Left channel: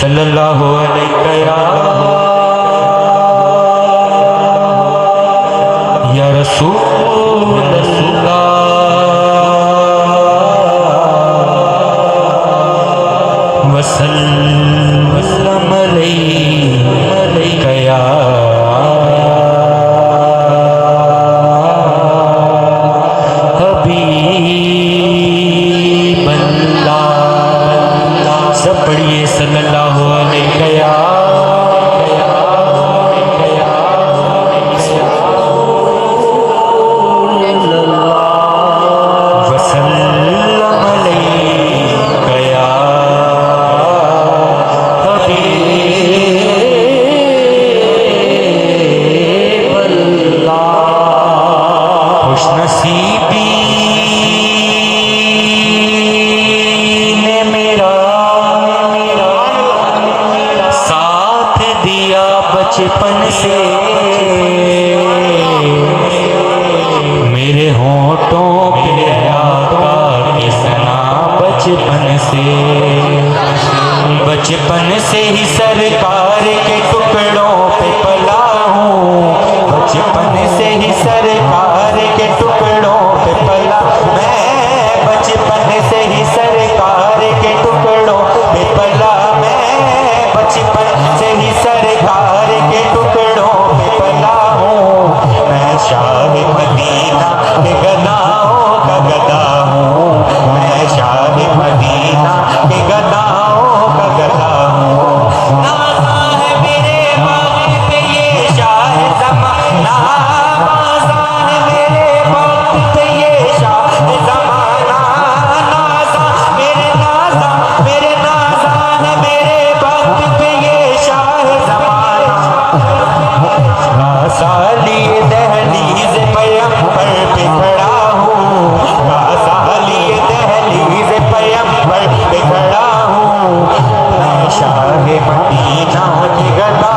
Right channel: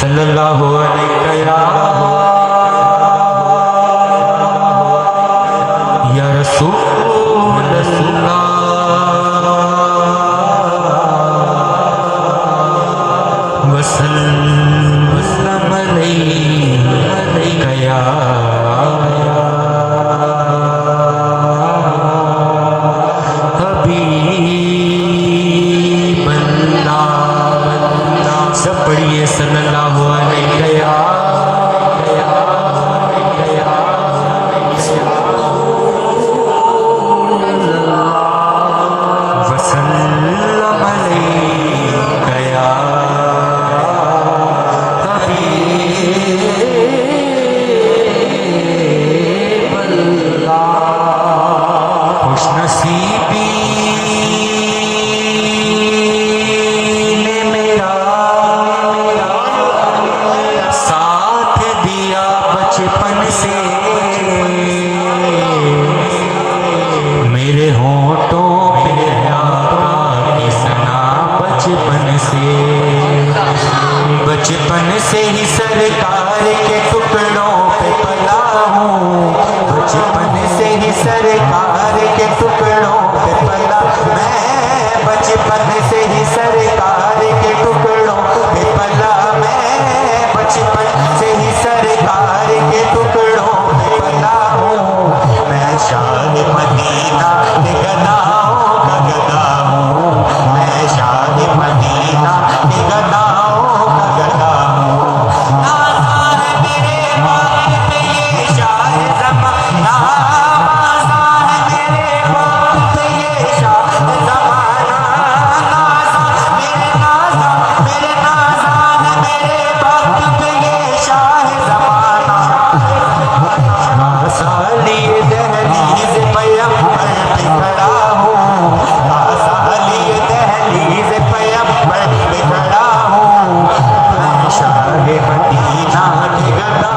صلی اللہ علیہ یا رسول اللہ وسلم علیہ یا حبیب اللہ. سب پڑھیے صلی اللہ علیہ یا وسلم علیہ یا حبیب اللہ. خوش نصیبی نے میرا ساتھ دیا بچپن سے، میرے ہونٹوں پہ آقا کے ثنا بچپن سے ہی سرکار کے ٹکڑوں پہ پلا ہوں، بچپن سے ہی سرکار کے ٹکڑوں پہ پلا میں، بچپن سے ہی سرکار کے ٹکڑوں پہ پلا میں، بچپن سے ہی سرکار کے ٹکڑوں پہ پلا ہوں. میں شاہ مدینہ کے گداؤں کا گدا ہوں، میں شاہ مدینہ کے گداؤں کا گدا ہوں. نازا ہے میرے باغ پہ یہ شاہ زمانہ، نازا ہے میرے باغ پہ یہ شاہ زمانہ، نازا میرے نازان میرے باغ پہ یہ شاہ زمانہ. کاسالی دہلیز پیمبر پہ کھڑا ہوں، کاسالی دہلیز پیمبر پہ کھڑا ہوں. میں شاہ مدینہ کی گدا